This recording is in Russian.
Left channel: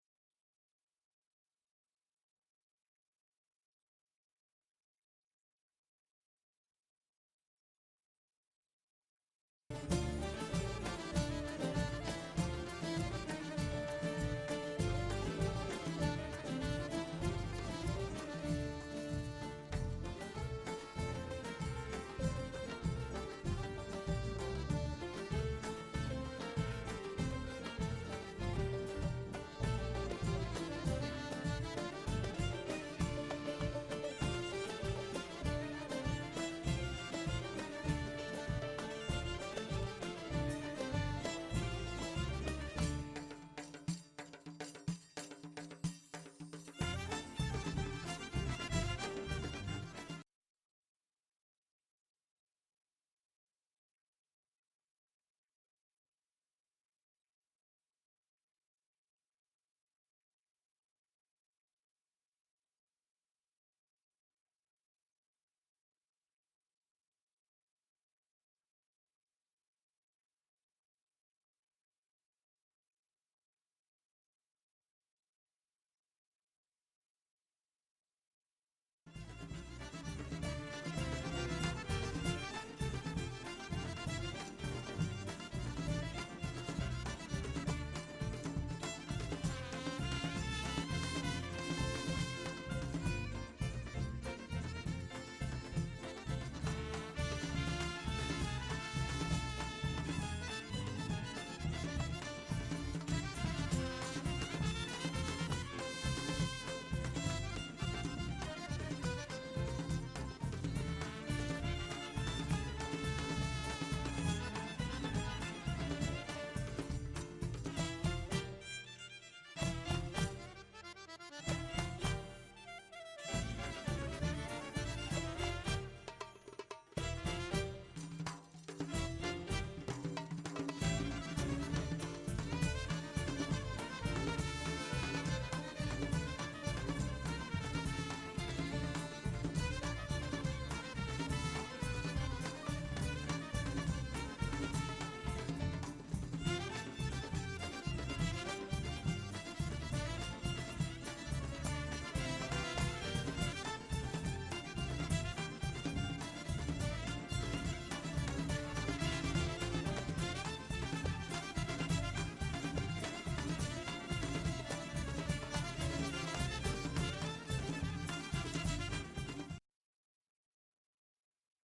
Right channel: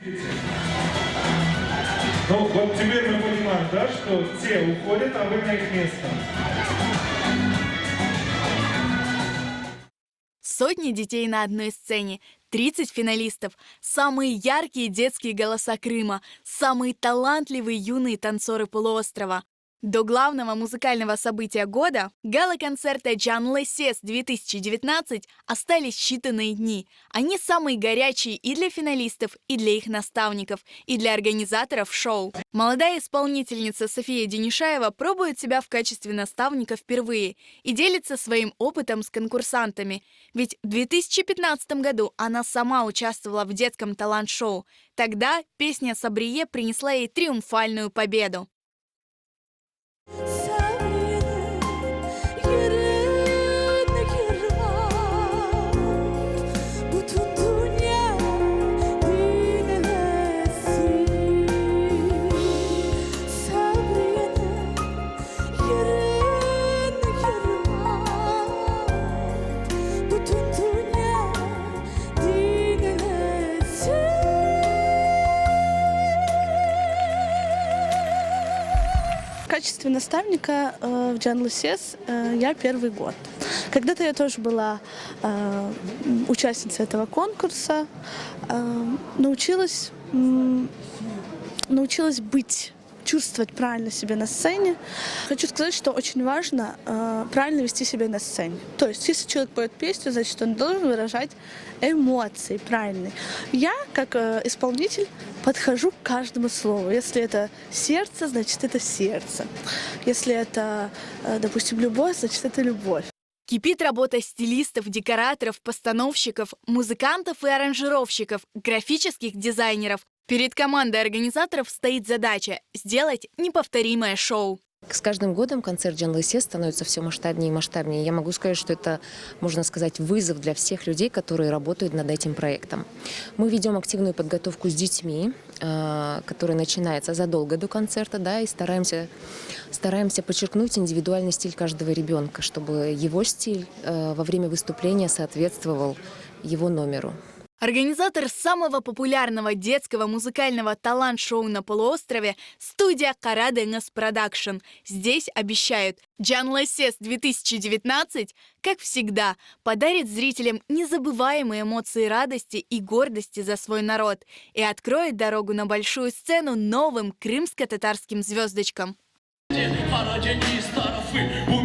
Ну, вот теперь мы понимаем, да, что те уходят, а вы на их место. Сотни детей на одной сцене, 30 финалистов, самые яркие детские голоса Крыма, самые талантливые юные танцоры полуострова. До главного музыкального события года, гала-концерта Canlı Ses 2019, остались считанные дни. Они самые горячие и для финалистов, и для их наставников, и для организаторов шоу. Молодая исполнительница София Денишаева пробует себя в качестве наставника впервые и делится своим опытом с конкурсантами. Ведь в 2015 году она сама участвовала в детском талант-шоу. Тогда песня «Сабрие» принесла ей триумфальную победу. В качестве наставника в Canlı Ses я первый год. Когда-то я тоже была участницей этого конкурса, научилась чувствовать правильно себя на сцене. Хочу сказать, что очень важно правильно вести себя на сцене. То есть, если человек поет песню, значит, он должен выражать эмоции правильные. Я, как исполнитель, подхожу к каждому слову. Если это сердце, значит, это сердце. Если это, допустим, любовь, значит, это любовь. Кипит работа стилистов, декораторов, постановщиков, музыкантов и аранжировщиков, графических дизайнеров. Перед командой организаторов стоит задача – сделать неповторимое шоу. С каждым годом концерт Canlı Ses становится все масштабнее и масштабнее. Я могу сказать, что это, можно сказать, вызов для всех людей, которые работают над этим проектом. Мы ведем активную подготовку с детьми, которая начинается задолго до концерта, да, и стараемся подчеркнуть индивидуальный стиль каждого ребенка, чтобы его стиль во время выступления соответствовал его номеру. Организатор самого популярного детского музыкального талант-шоу на полуострове – студия Karadeniz Production. Здесь обещают, Canlı Ses 2019, как всегда, подарит зрителям незабываемые эмоции радости и гордости за свой народ и откроет дорогу на большую сцену новым крымско-татарским звездочкам. Karadeniz tarafı bu